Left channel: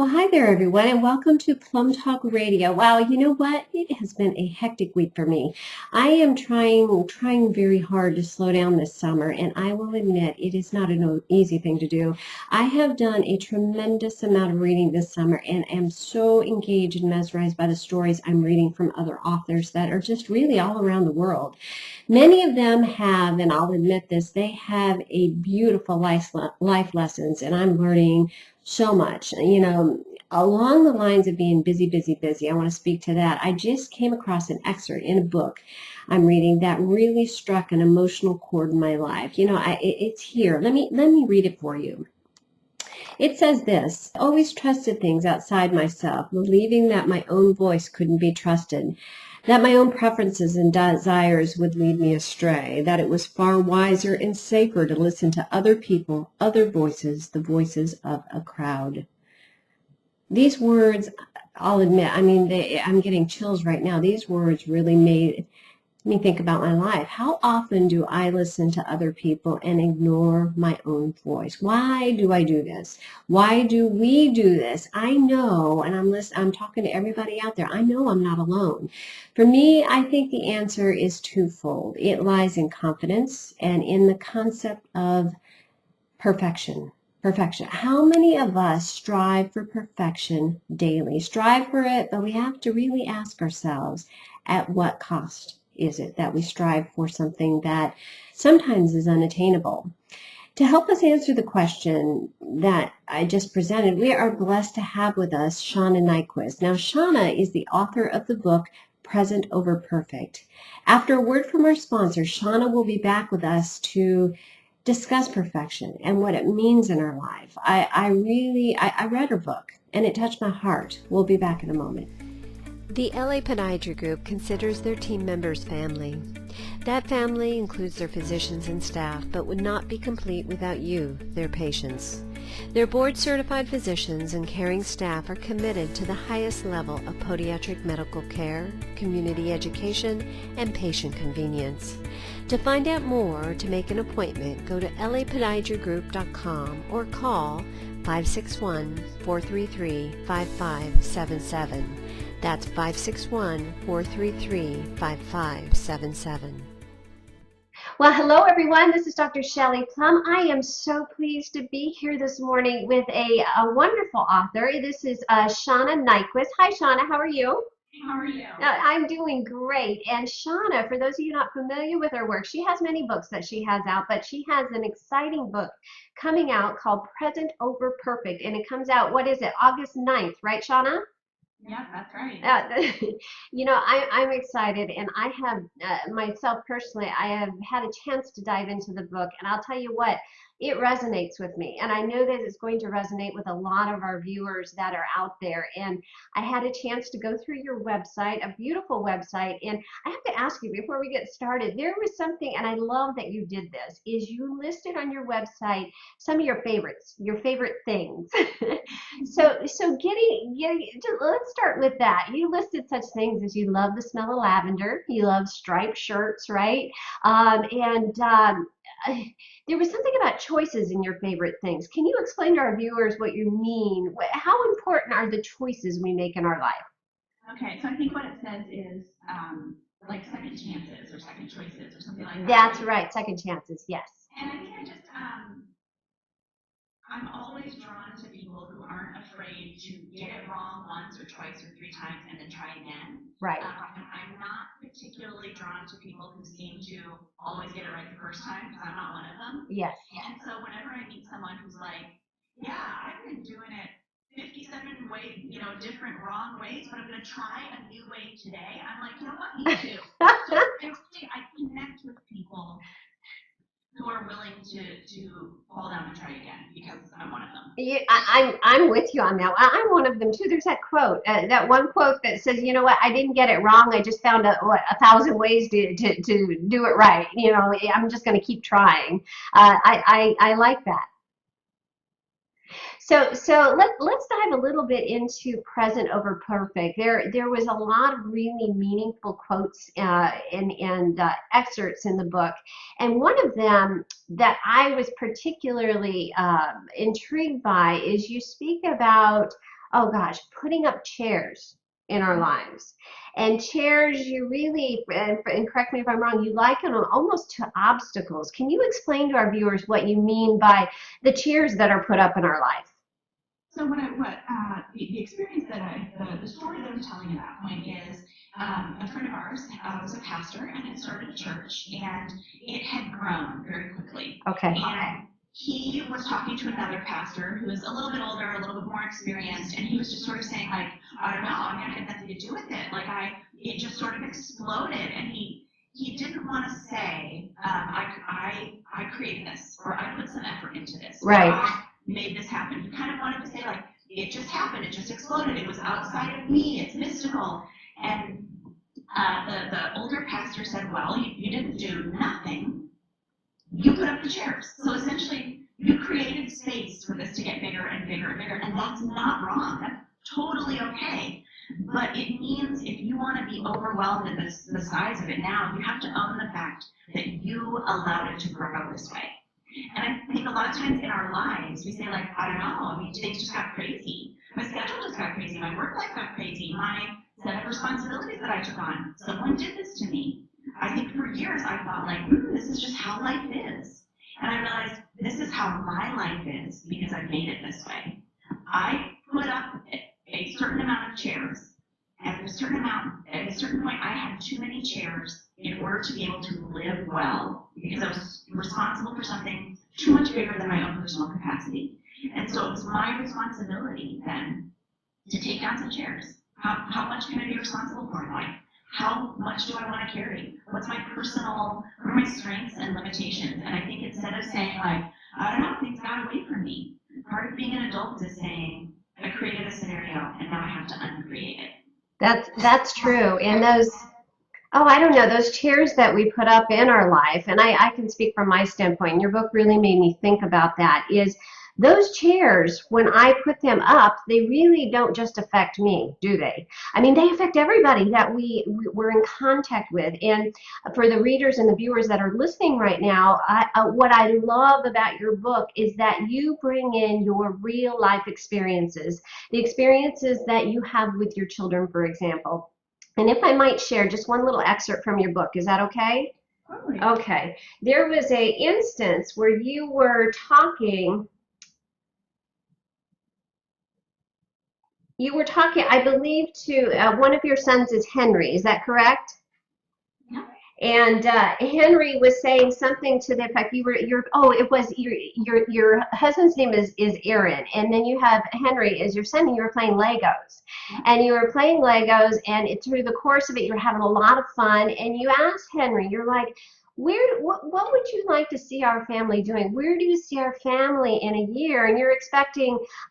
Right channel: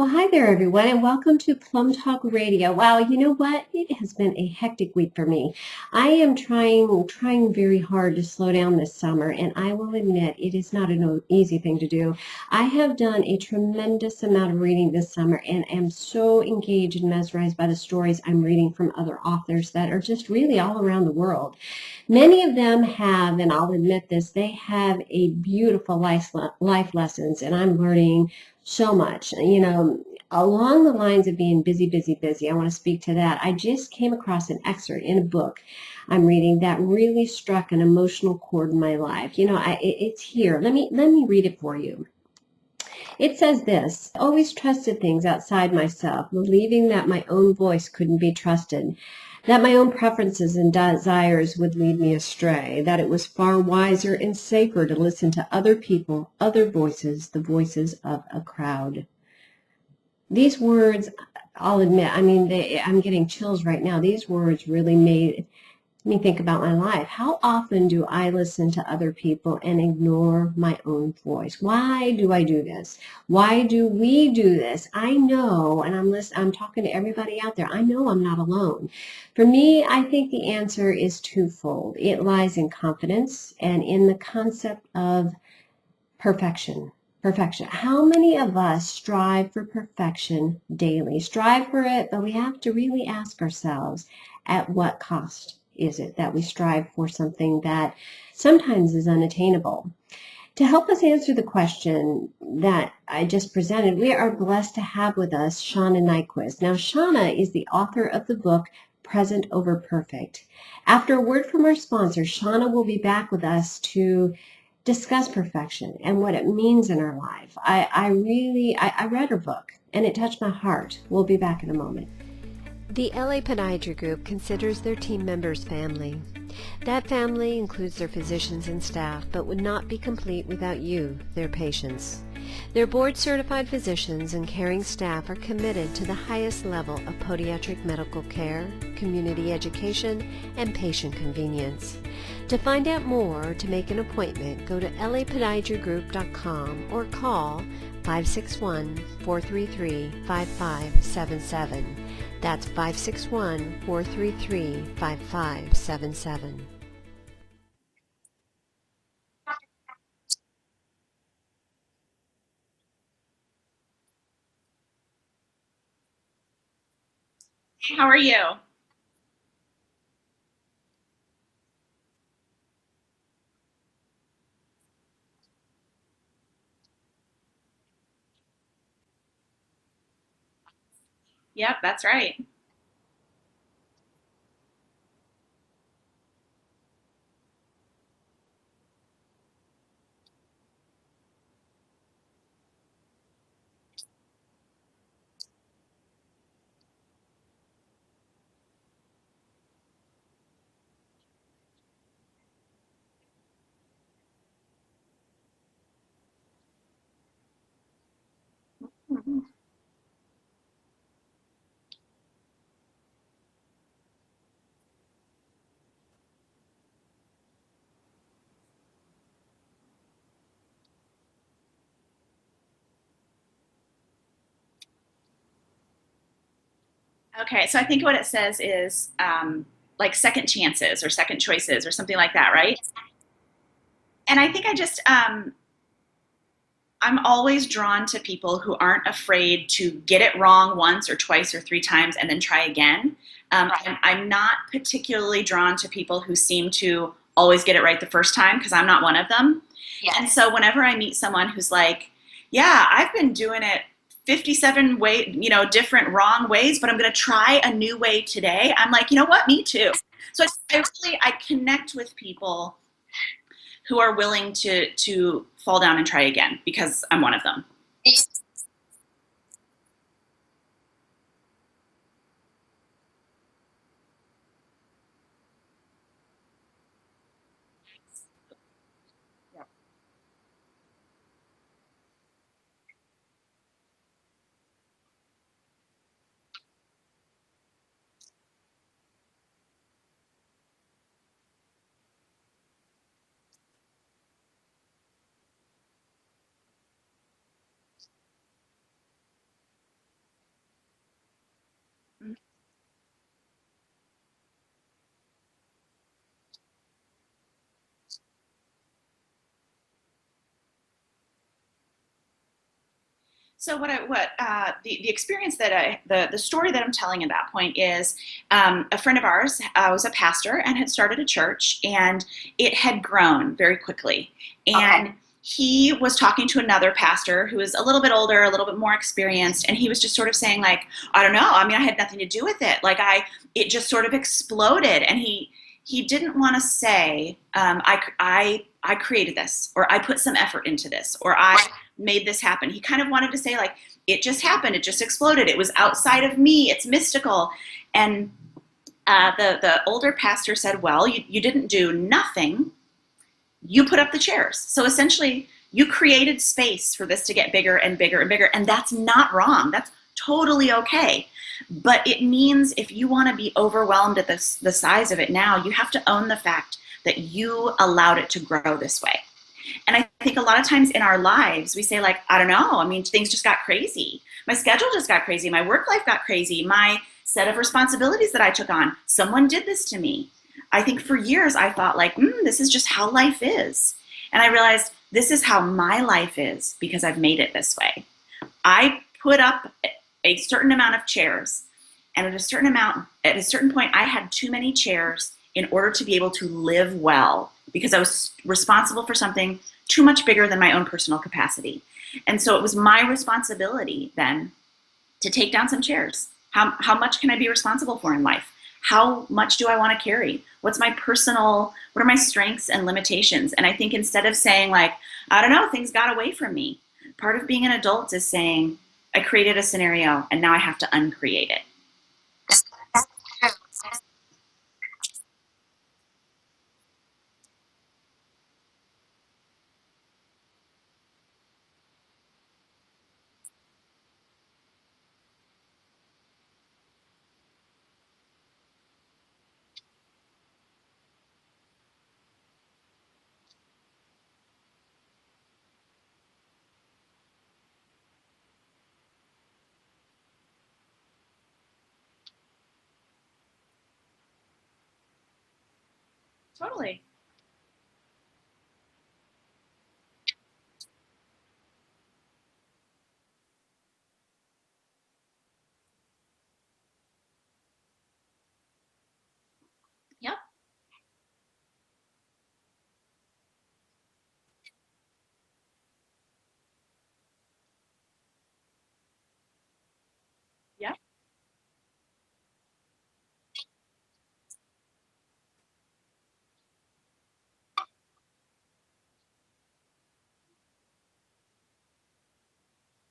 Well, hi there, everyone, and welcome to PlumbTalk Radio. Wow, you know what? It has been a hectic week for me. I am trying very hard to slow down this summer, and I will admit it is not an easy thing to do. I have done a tremendous amount of reading this summer, and am so engaged and mesmerized by the stories I'm reading from other authors that are just really all around the world. Many of them have, and I'll admit this, they have a beautiful life lessons, and I'm learning so much. Along the lines of being busy, busy, busy, I want to speak to that. I just came across an excerpt in a book I'm reading that really struck an emotional chord in my life. It's here. Let me read it for you. It says this: always trusted things outside myself, believing that my own voice couldn't be trusted, that my own preferences and desires would lead me astray, that it was far wiser and safer to listen to other people, other voices, the voices of a crowd. These words, I'll admit, I'm getting chills right now. These words really made me think about my life. How often do I listen to other people and ignore my own voice? Why do I do this? Why do we do this? I know, and I'm talking to everybody out there. I know I'm not alone. For me, I think the answer is twofold. It lies in confidence and in the concept of perfection. Perfection. How many of us strive for perfection daily? Strive for it, but we have to really ask ourselves, at what cost is it that we strive for something that sometimes is unattainable? To help us answer the question that I just presented, we are blessed to have with us Shauna Niequist. Now, Shauna is the author of the book Present Over Perfect. After a word from our sponsor, Shauna will be back with us to discuss perfection and what it means in our life. I read her book and it touched my heart. We'll be back in a moment. The LA Podiatry Group considers their team members family. That family includes their physicians and staff, but would not be complete without you, their patients. Their board-certified physicians and caring staff are committed to the highest level of podiatric medical care, community education, and patient convenience. To find out more or to make an appointment, go to lapodiatrygroup.com or call 561-433-5577. That's 561-433-5577. Well, hello, everyone. This is Dr. Shelley Plum. I am so pleased to be here this morning with a wonderful author. This is Shauna Niequist. Hi, Shauna. How are you? How are you? I'm doing great. And Shauna, for those of you not familiar with her work, she has many books that she has out, but she has an exciting book coming out called Present Over Perfect. And it comes out, what is it, August 9th, right, Shauna? Yep, that's right. I'm excited, and I have myself personally, I have had a chance to dive into the book, and I'll tell you what, it resonates with me, and I know that it's going to resonate with a lot of our viewers that are out there. And I had a chance to go through your website, a beautiful website, and I have to ask you before we get started, there was something, and I love that you did this, is you listed on your website some of your favorites, your favorite things. So let's start with that. You listed such things as you love the smell of lavender, you love striped shirts, right? And there was something about choices in your favorite things. Can you explain to our viewers what you mean? How important are the choices we make in our life? Okay, so I think what it says is like second chances or second choices or something like that, That's right? right, second chances, yes. And I think I'm always drawn to people who aren't afraid to get it wrong once or twice or three times and then try again. Right. I'm not particularly drawn to people who seem to always get it right the first time, because I'm not one of them. Yes. And so whenever I meet someone who's like, yeah, I've been doing it 57 different wrong ways, but I'm going to try a new way today. I'm like, you know what? Me too. So I connect with people who are willing to fall down and try again, because I'm one of them. Yeah, I'm with you on that. I'm one of them too. There's that quote, that one quote that says, you know what, I didn't get it wrong. I just found 1,000 ways to do it right. I'm just going to keep trying. I like that. So let's dive a little bit into Present Over Perfect. There was a lot of really meaningful quotes and excerpts in the book, and one of them that I was particularly intrigued by is you speak about oh gosh, putting up chairs in our lives. And chairs, you really, and correct me if I'm wrong, you liken them almost to obstacles. Can you explain to our viewers what you mean by the chairs that are put up in our life? So the experience that the story that I'm telling at that point is a friend of ours was a pastor and had started a church, and it had grown very quickly. Okay. And he was talking to another pastor who was a little bit older, a little bit more experienced, and he was just sort of saying like, I don't know. I mean, I had nothing to do with it. Like it just sort of exploded, and he didn't want to say, I created this, or I put some effort into this, or Right. I made this happen. He kind of wanted to say like, it just happened. It just exploded. It was outside of me. It's mystical. And the older pastor said, well, you didn't do nothing. You put up the chairs. So essentially, you created space for this to get bigger and bigger and bigger. And that's not wrong. That's totally okay. But it means if you want to be overwhelmed at the size of it now, you have to own the fact that you allowed it to grow this way. And I think a lot of times in our lives, we say like, I don't know, I mean, things just got crazy. My schedule just got crazy. My work life got crazy. My set of responsibilities that I took on, someone did this to me. I think for years I thought like, this is just how life is. And I realized this is how my life is because I've made it this way. I put up a certain amount of chairs, and at a certain point, I had too many chairs in order to be able to live well because I was responsible for something too much bigger than my own personal capacity. And so it was my responsibility then to take down some chairs. How much can I be responsible for in life? How much do I want to carry? What are my strengths and limitations? And I think instead of saying like, I don't know, things got away from me, part of being an adult is saying, I created a scenario and now I have to uncreate it. That's true. And I don't know, those chairs that we put up in our life, and I can speak from my standpoint, and your book really made me think about that, is those chairs, when I put them up, they really don't just affect me, do they? I mean, they affect everybody that we're in contact with. And for the readers and the viewers that are listening right now, what I love about your book is that you bring in your real life experiences, the experiences that you have with your children, for example. And if I might share just one little excerpt from your book, is that okay? Totally. Okay. There was a instance where you were talking, I believe, to one of your sons is Henry. Is that correct? Yeah. And Henry was saying something to the effect your husband's name is Aaron, and then you have Henry as your son, and you were playing Legos. Yeah. And you were playing Legos, and through the course of it, you're having a lot of fun. And you asked Henry, you're like, what would you like to see our family doing? Where do you see our family in a year? And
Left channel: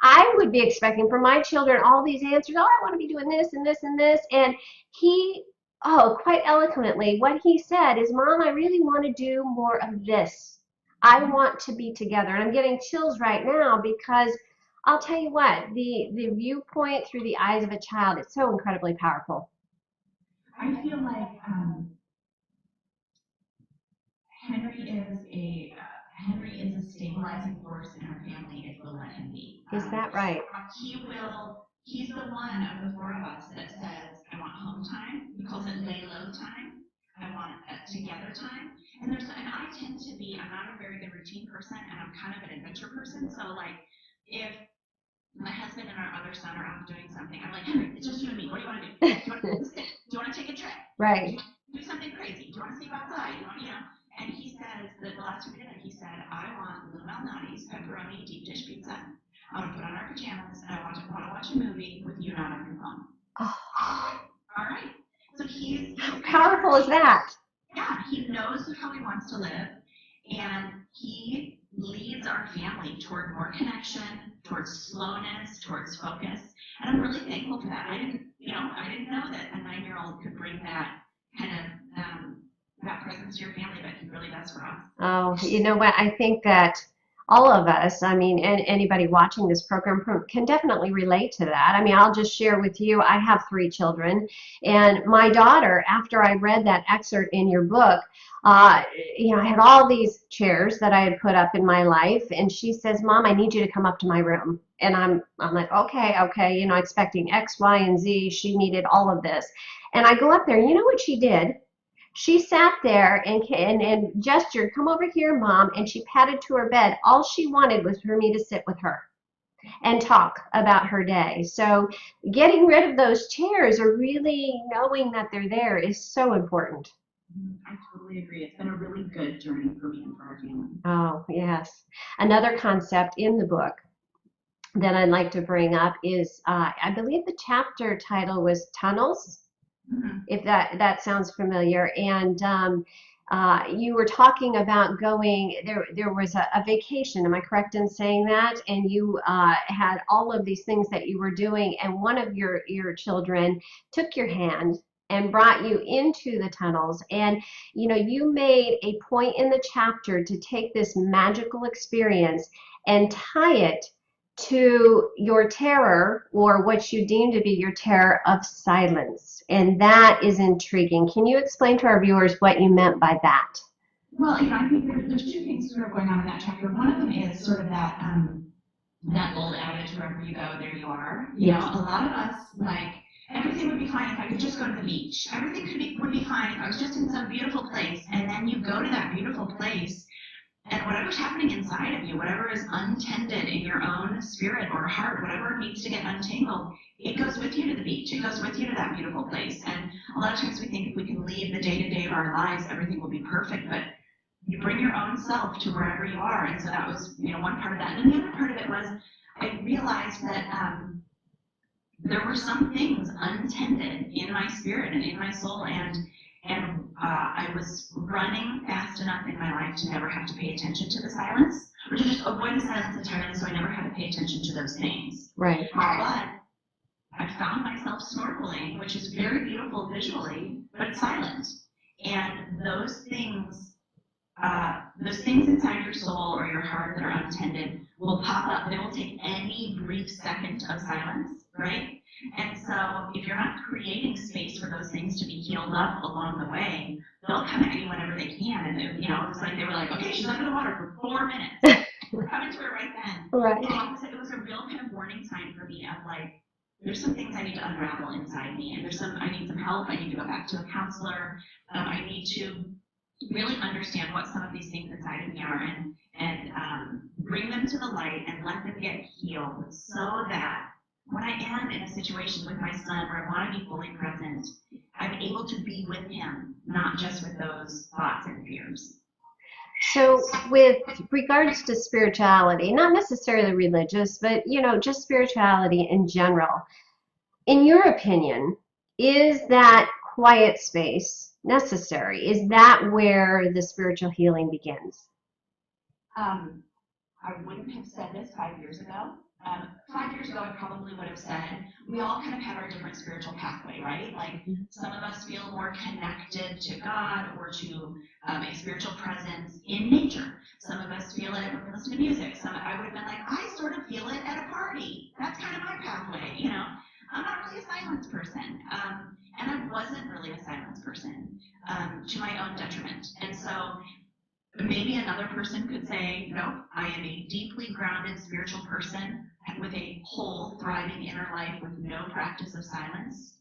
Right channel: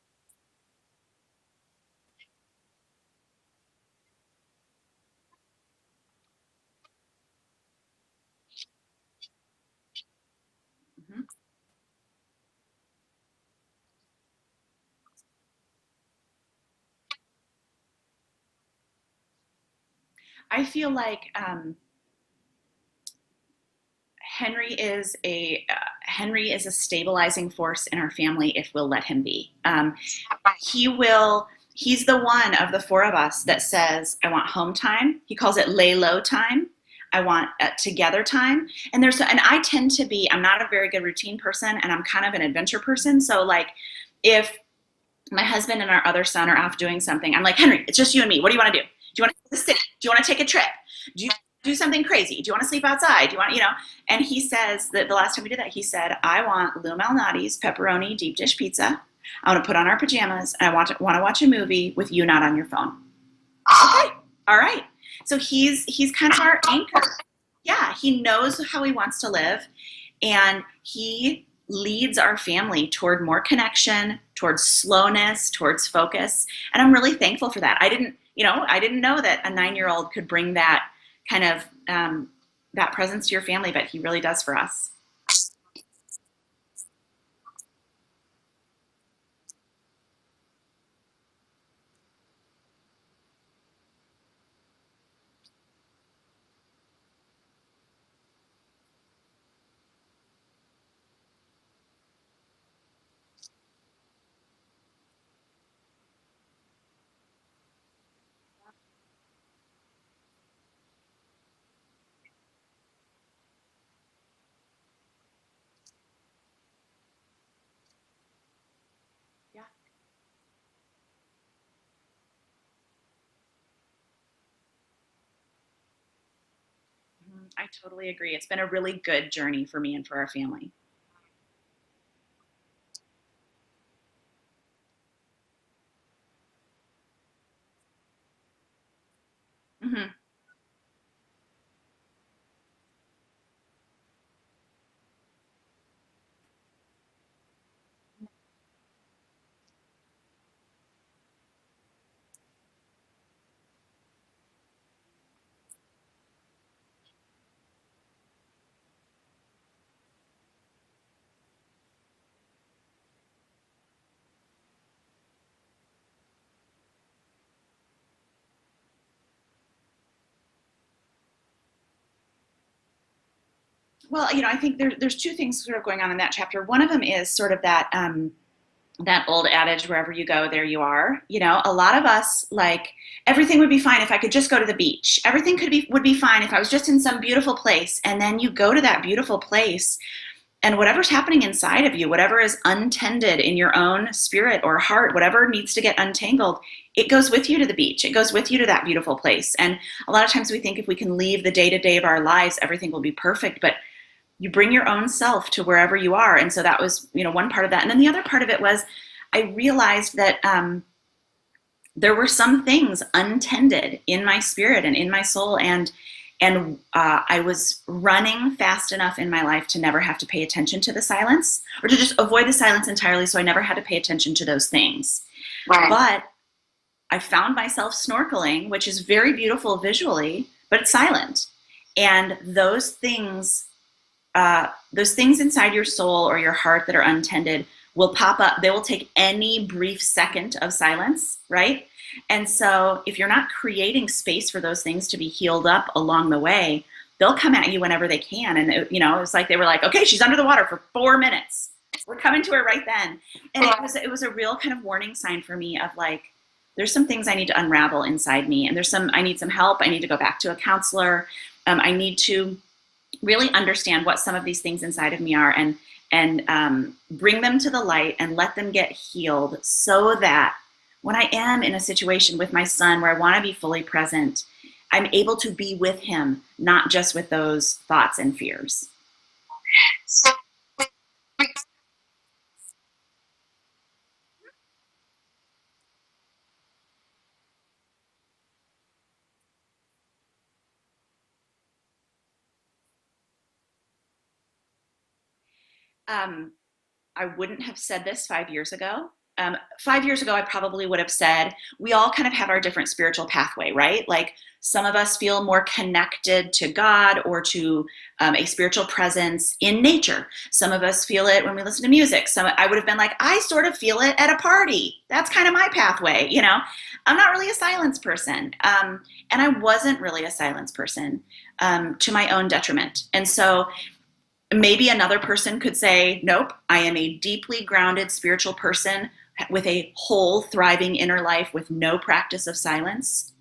I would be expecting from my children all these answers. Oh, I want to be doing this and this and this. And he, quite eloquently, what he said is, Mom, I really want to do more of this. I want to be together. And I'm getting chills right now because I'll tell you what, the viewpoint through the eyes of a child, it's so incredibly powerful. I feel like Henry is a stabilizing force in our family if we'll let him be. Is that right? He's the one of the four of us that says, I want home time. He calls it lay low time. I want together time. And I tend to be, I'm not a very good routine person, and I'm kind of an adventure person. So like if my husband and our other son are off doing something, I'm like, Henry, it's just you and me. What do you want to do? Do you want to sit? Do you want to take a trip? Right. Do you do something crazy? Do you want to sleep outside? Do you want, And he says that the last time we did that, he said, I want Lou Malnati's pepperoni deep dish pizza. I want to put on our pajamas, and I want to watch a movie with you not on your phone. Oh. Okay. All right. So he's kind of How cool is that? Yeah, he knows how he wants to live, and he leads our family toward more connection, towards slowness, towards focus. And I'm really thankful for that. I didn't know that a 9-year-old could bring that kind of that presence to your family, but he really does for us. Oh, you know what? I think that all of us, I mean, and anybody watching this program can definitely relate to that. I mean, I'll just share with you, I have 3 children, and my daughter, after I read that excerpt in your book, uh, I had all these chairs that I had put up in my life, and she says, Mom, I need you to come up to my room. And I'm like, okay, expecting X, Y, and Z. She needed all of this. And I go up there, and you know what she did? She sat there and gestured, come over here, Mom, and she padded to her bed. All she wanted was for me to sit with her and talk about her day. So getting rid of those chairs, or really knowing that they're there, is so important. I totally agree. It's been a really good journey for me and for our family. Oh, yes. Another concept in the book that I'd like to bring up is, I believe the chapter title was Tunnels, if that sounds familiar. And you were talking about going, there was a vacation, am I correct in saying that? And you had all of these things that you were doing, and one of your children took your hand and brought you into the tunnels. And you made a point in the chapter to take this magical experience and tie it to your terror, or what you deem to be your terror of silence. And that is intriguing. Can you explain to our viewers what you meant by that? Well, I think there's 2 things sort of going on in that chapter. One of them is sort of that that old adage, wherever you go, there you are. A lot of us, like, everything would be fine if I could just go to the beach. Everything would be fine if I was just in some beautiful place. And then you go to that beautiful place, and whatever's happening inside of you, whatever is untended in your own spirit or heart, whatever needs to get untangled, it goes with you to the beach. It goes with you to that beautiful place. And a lot of times we think if we can leave the day-to-day of our lives, everything will be perfect. But you bring your own self to wherever you are. And so that was, one part of that. And then the other part of it was, I realized that there were some things untended in my spirit and in my soul, and I was running fast enough in my life to never have to pay attention to the silence, or to just avoid the silence entirely, so I never had to pay attention to those things. Right. But I found myself snorkeling, which is very beautiful visually, but it's silent. And those things inside your soul or your heart that are untended will pop up. They will take any brief second of silence, right? And so if you're not creating space for those things to be healed up along the way, they'll come at you whenever they can. And it was like they were like, okay, she's under the water for 4 minutes. We're coming to her right then. Right. And it was a real kind of warning sign for me of like, there's some things I need to unravel inside me, and I need some help. I need to go back to a counselor. I need to really understand what some of these things inside of me are, and bring them to the light and let them get healed, so that when I am in a situation with my son where I want to be fully present, I'm able to be with him, not just with those thoughts and fears. So with regards to spirituality, not necessarily religious, but just spirituality in general, in your opinion, is that quiet space necessary? Is that where the spiritual healing begins? I wouldn't have said this 5 years ago. 5 years ago, I probably would have said, we all kind of have our different spiritual pathway, right? Like some of us feel more connected to God or to a spiritual presence in nature. Some of us feel it when we listen to music. I would have been like, I sort of feel it at a party. That's kind of my pathway, I'm not really a silence person. And I wasn't really a silence person, to my own detriment. And so maybe another person could say, nope, I am a deeply grounded spiritual person with a whole thriving inner life with no practice of silence.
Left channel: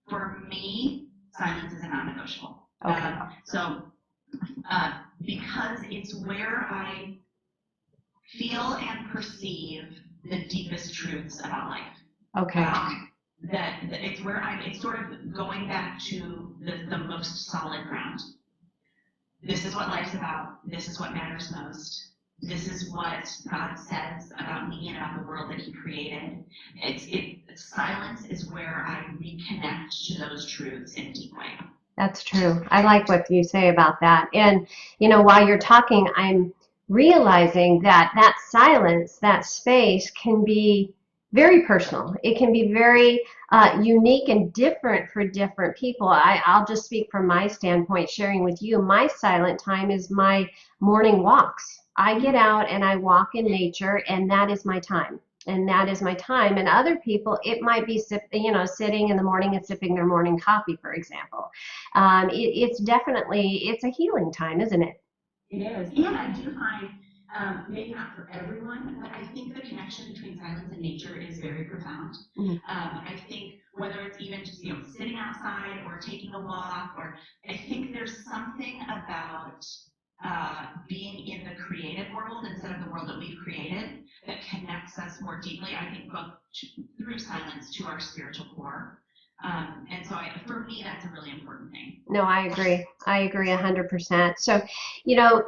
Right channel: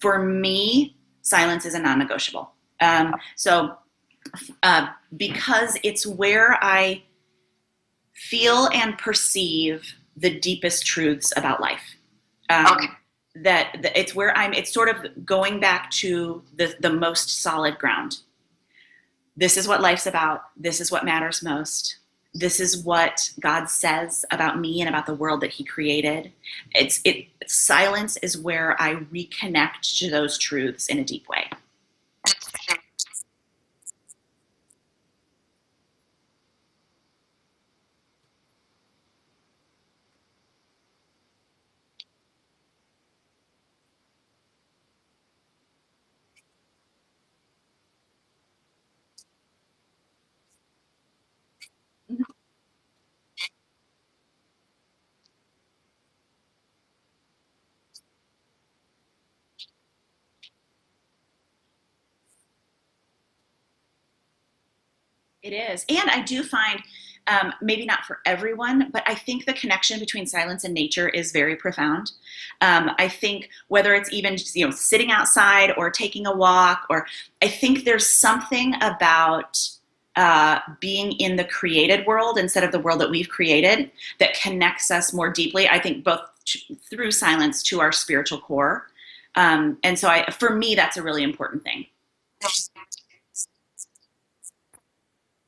For me, silence is a non-negotiable. Because it's where I feel and perceive the deepest truths about life. Okay. That it's where it's sort of going back to the most solid ground. This is what life's about. This is what matters most. This is what God says about me and about the world that he created. Silence is where I reconnect to those truths in a deep way. That's true. I like what you say about that. And, while you're talking, I'm realizing that silence, that space can be very personal. It can be very unique and different for different people. I'll just speak from my standpoint, sharing with you. My silent time is my morning walks. I get out and I walk in nature, and that is my time. And that is my time. And other people, it might be sitting in the morning and sipping their morning coffee, for example. It's definitely it's a healing time, isn't it? It is. And I do find, maybe not for everyone, but I think the connection between silence and nature is very profound. Mhm. I think whether it's even just, sitting outside or taking a walk, or I think there's something about being in the created world instead of the world that we've created that connects us more deeply, I think, both through silence to our spiritual core. And so for me, that's a really important thing. No, I agree. I agree 100%. So, you know,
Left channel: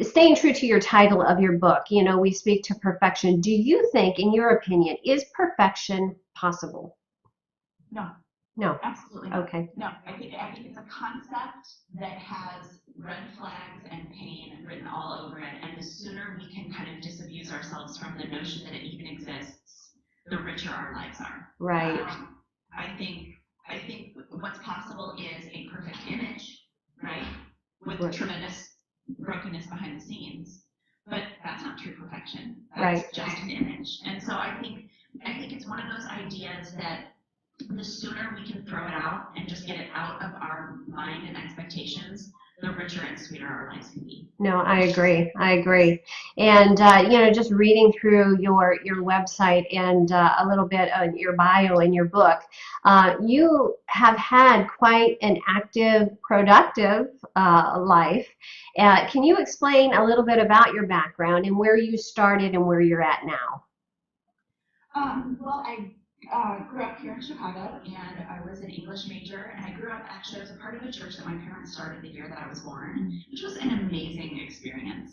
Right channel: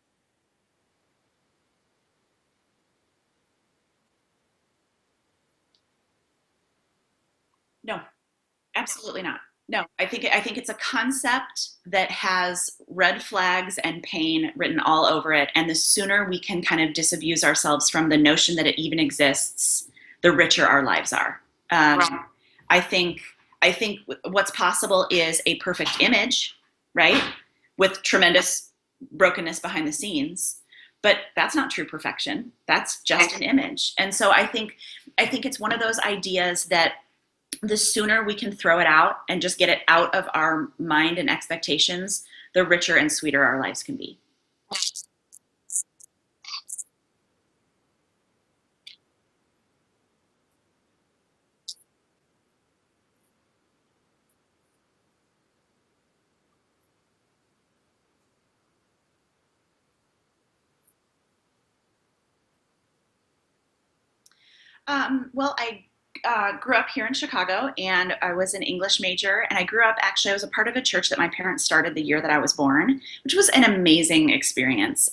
staying true to your title of your book, we speak to perfection. Do you think, in your opinion, is perfection possible? No. No. Absolutely not. Okay. No, I think it's a concept that has red flags and pain written all over it. And the sooner we can kind of disabuse ourselves from the notion that it even exists, the richer our lives are. Right. I think what's possible is a perfect image, right? With tremendous brokenness behind the scenes. But that's not true perfection. That's Right. just an image. And so I think it's one of those ideas that the sooner we can throw it out and just get it out of our mind and expectations, the richer and sweeter our lives can be. No, I agree. I agree. And just reading through your website and a little bit of your bio in your book, you have had quite an active, productive life. Can you explain a little bit about your background and where you started and where you're at now? Well, I grew up here in Chicago, and I was an English major. And I was a part of a church that my parents started the year that I was born, which was an amazing experience.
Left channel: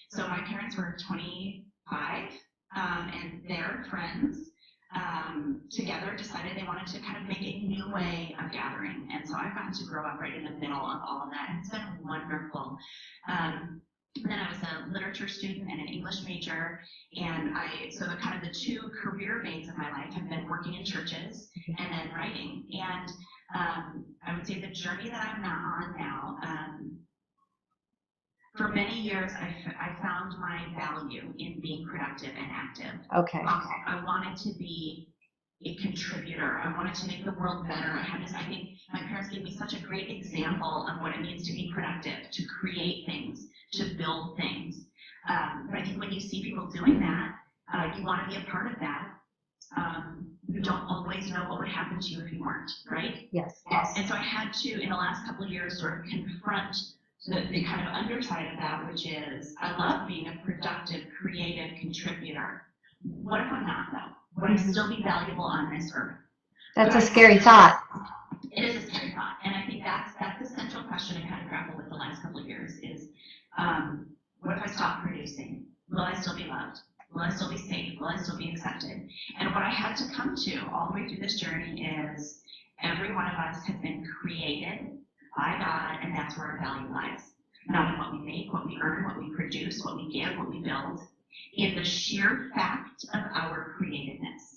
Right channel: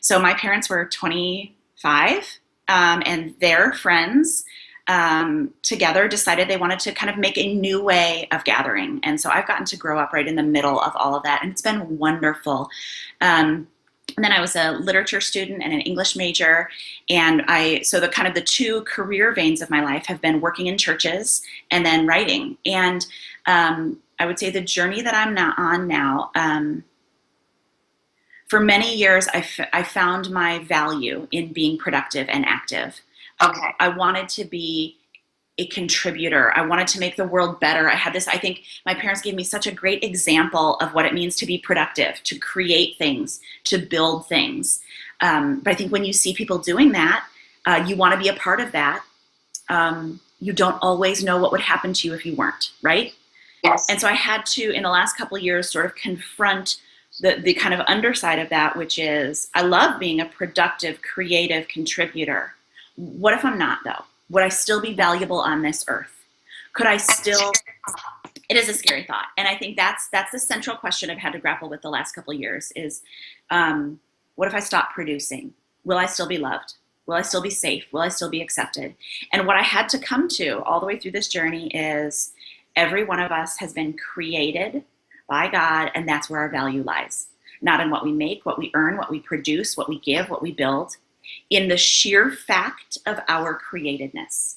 So my parents were 25, and their friends together decided they wanted to kind of make a new way of gathering. And so I've gotten to grow up right in the middle of all of that, and it's been wonderful. And then I was a literature student and an English major. And so the two career veins of my life have been working in churches and then writing. And I would say the journey that I'm on now, for many years, I found my value in being productive and active. Okay. I wanted to be a contributor. I wanted to make the world better. I think my parents gave me such a great example of what it means to be productive, to create things, to build things. But I think when you see people doing that, you want to be a part of that. You don't always know what would happen to you if you weren't, right? Yes. And so I had to, in the last couple of years, sort of confront the kind of underside of that, which is I love being a productive, creative contributor. What if I'm not, though? Would I still be valuable on this earth? That's a scary thought. It is a scary thought. And I think that's the central question I've had to grapple with the last couple of years is, what if I stop producing? Will I still be loved? Will I still be safe? Will I still be accepted? And what I had to come to all the way through this journey is every one of us has been created by God, and that's where our value lies. Not in what we make, what we earn, what we produce, what we give, what we build, in the sheer fact of our createdness.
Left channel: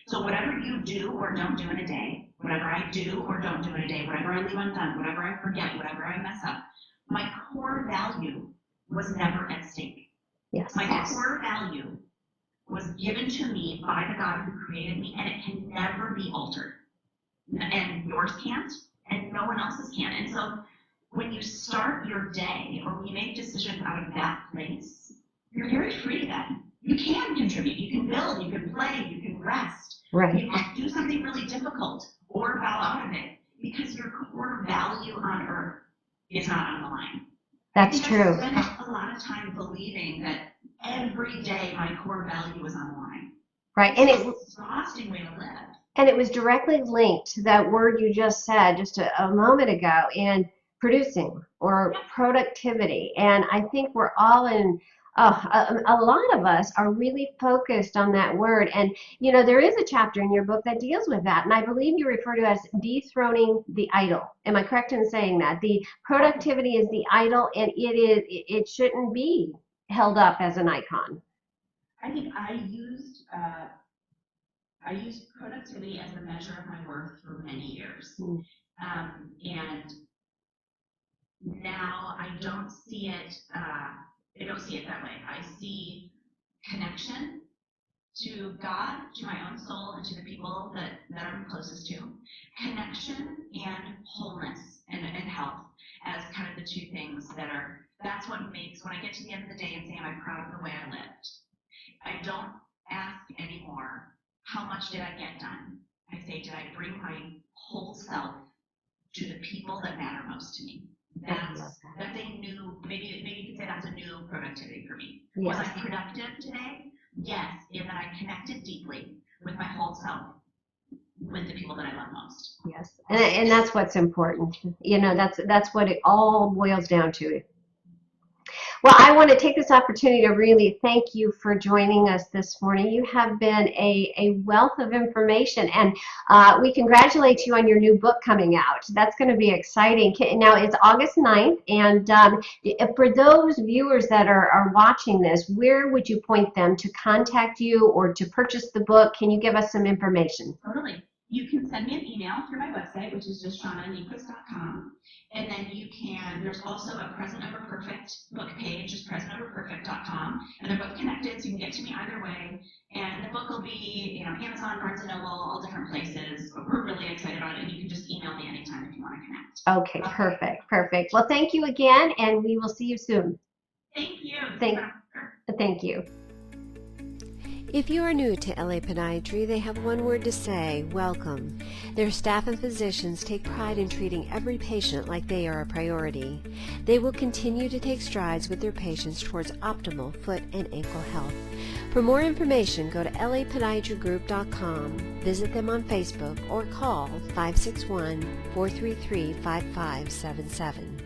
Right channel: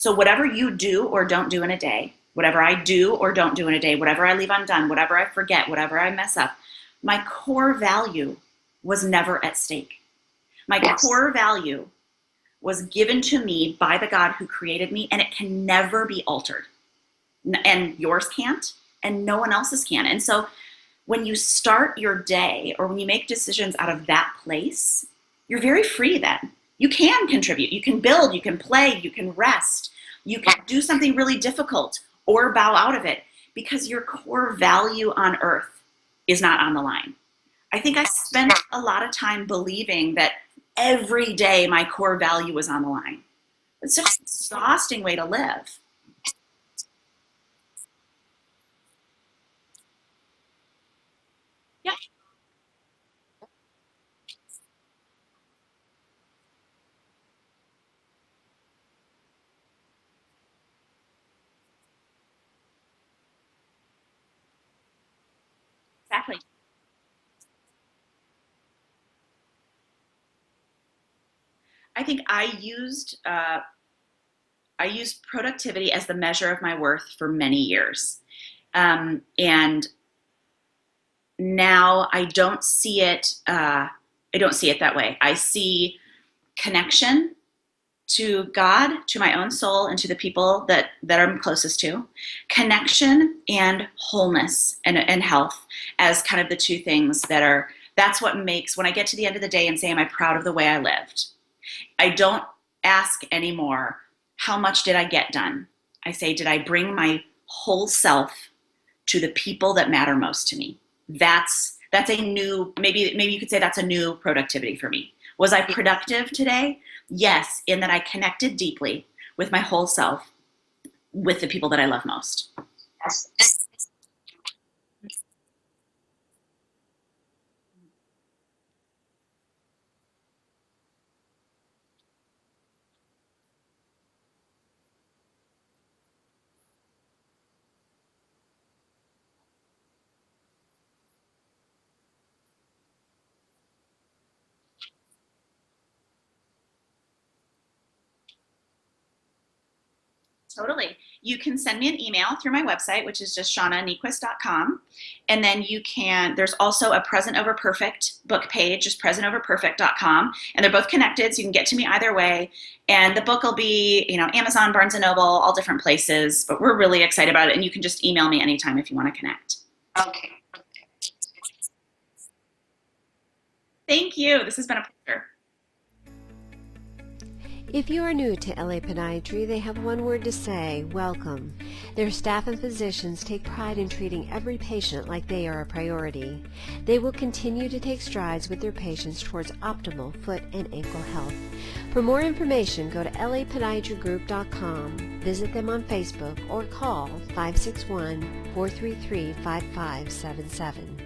So whatever you do or don't do in a day, whatever I do or don't do in a day, whatever I leave undone, whatever I forget, whatever I mess up, my core value was never at stake. My core value was given to me by the God who created me, and it can never be altered. And yours can't, and no one else's can. And so when you start your day or when you make decisions out of that place, you're very free then. You can contribute, you can build, you can play, you can rest, Right. You can do something really difficult or bow out of it because your core value on earth is not on the line. I think I spent a lot of time believing that every day my core value was on the line. Right. It's an exhausting way to live. And it was directly linked to that word you just said just a moment ago in producing or productivity. And I think we're all a lot of us are really focused on that word. And, there is a chapter in your book that deals with that. And I believe you refer to it as dethroning the idol. Am I correct in saying that? The productivity is the idol, and it shouldn't be held up as an icon. I think I used productivity as the measure of my worth for many years. And now I don't see it. I don't see it that way. I see connection to God, to my own soul, and to the people that I'm closest to. Connection and wholeness and health as kind of the two things that's what makes, when I get to the end of the day and say, am I proud of the way I lived? I don't ask anymore, how much did I get done? I say, did I bring my whole self to the people that matter most to me? That's a new, maybe you could say that's a new productivity for me. Was I productive today? Yes, in that I connected deeply with my whole self, with the people that I love most. Yes, and that's what's important. That's what it all boils down to. Well, I want to take this opportunity to really thank you for joining us this morning. You have been a wealth of information, and we congratulate you on your new book coming out. That's going to be exciting. Now, it's August 9th, and for those viewers that are watching this, where would you point them to contact you or to purchase the book? Can you give us some information? Totally. You can send me an email through my website, which is just shaunaniequist.com. And then there's also a Present Over Perfect book page, just presentoverperfect.com. And they're both connected, so you can get to me either way. And the book will be, Amazon, Barnes & Noble, all different places. But we're really excited about it. And you can just email me anytime if you want to connect. Okay, perfect. Well, thank you again, and we will see you soon. Thank you. This has been a pleasure. Thank you. If you are new to LA Podiatry, they have one word to say: welcome. Their staff and physicians take pride in treating every patient like they are a priority. They will continue to take strides with their patients towards optimal foot and ankle health. For more information, go to lapodiatrygroup.com, visit them on Facebook, or call 561-433-5577.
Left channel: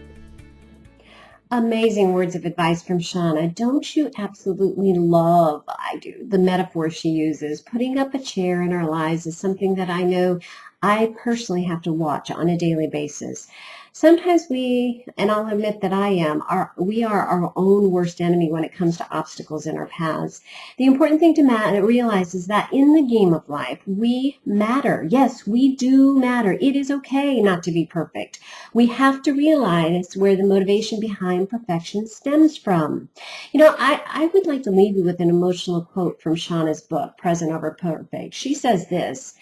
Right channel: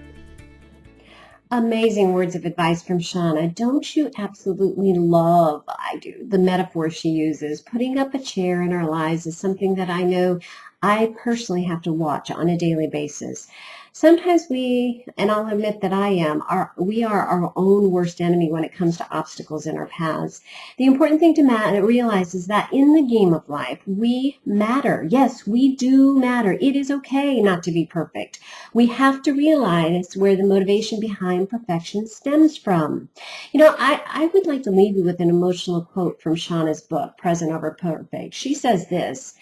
Amazing words of advice from Shauna. Don't you absolutely love, I do, the metaphor she uses? Putting up a chair in our lives is something that I know I personally have to watch on a daily basis. Sometimes and I'll admit that we are our own worst enemy when it comes to obstacles in our paths. The important thing to realize is that in the game of life, we matter. Yes, we do matter. It is okay not to be perfect. We have to realize where the motivation behind perfection stems from. I would like to leave you with an emotional quote from Shauna's book, Present Over Perfect. She says this:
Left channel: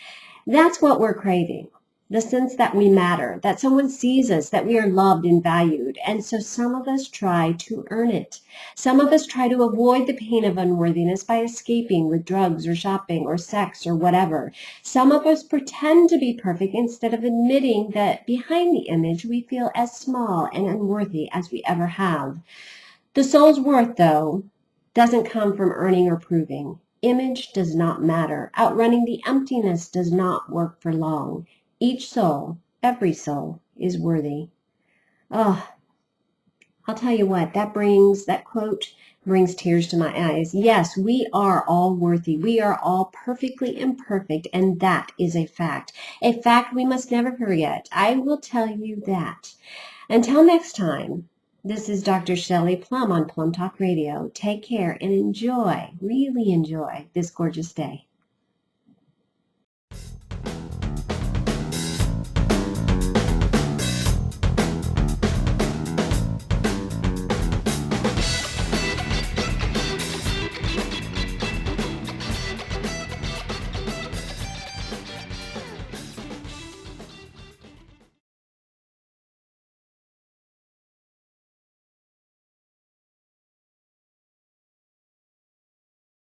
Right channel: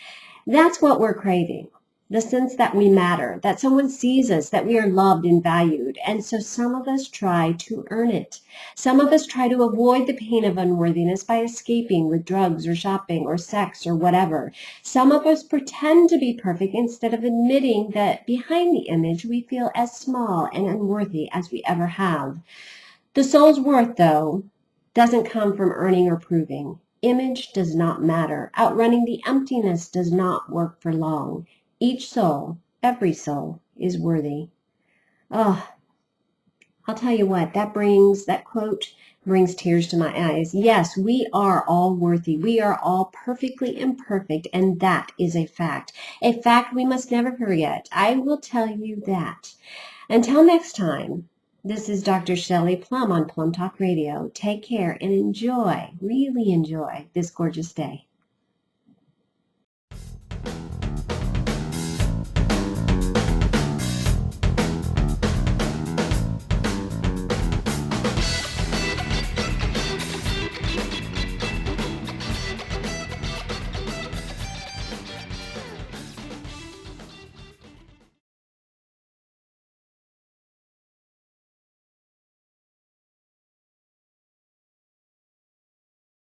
that's what we're craving. The sense that we matter, that someone sees us, that we are loved and valued. And so some of us try to earn it. Some of us try to avoid the pain of unworthiness by escaping with drugs or shopping or sex or whatever. Some of us pretend to be perfect instead of admitting that behind the image we feel as small and unworthy as we ever have. The soul's worth, though, doesn't come from earning or proving. Image does not matter. Outrunning the emptiness does not work for long. Each soul, every soul, is worthy. Oh, I'll tell you what, that quote brings tears to my eyes. Yes, we are all worthy. We are all perfectly imperfect, and that is a fact. A fact we must never forget. I will tell you that. Until next time, this is Dr. Shelley Plum on Plum Talk Radio. Take care and enjoy, really enjoy, this gorgeous day.